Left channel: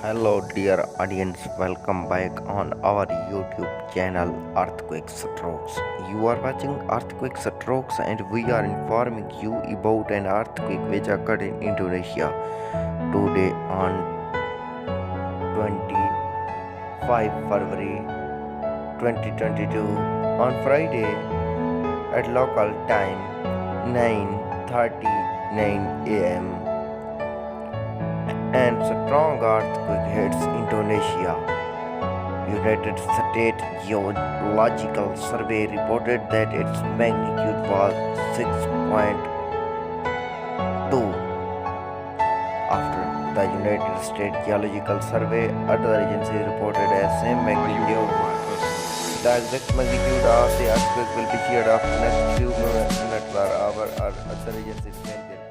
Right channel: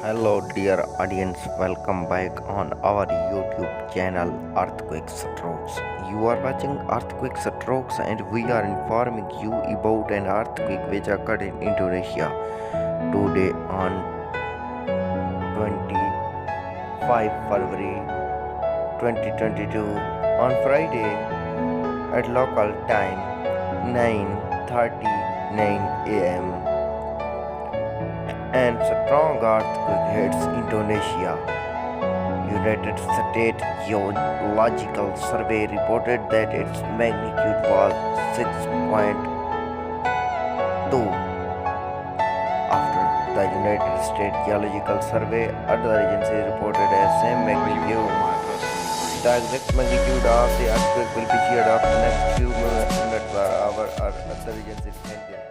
Hello, dear audience, welcome back on our YouTube channel Earthquake Strokes. You are watching Earthquake Strokes, and we are informing you about an earthquake which occurred in Indonesia today on 25 February 2022 on Friday at local time 9:39 a.m. and strong earthquake hits Indonesia. United States Geological Survey reported that its magnitude was 6.2. After the United States Geological Survey, other agencies reported a same magnitude. The exact magnitude of the earthquake will be shared after next few minutes or hour, or other agencies can share.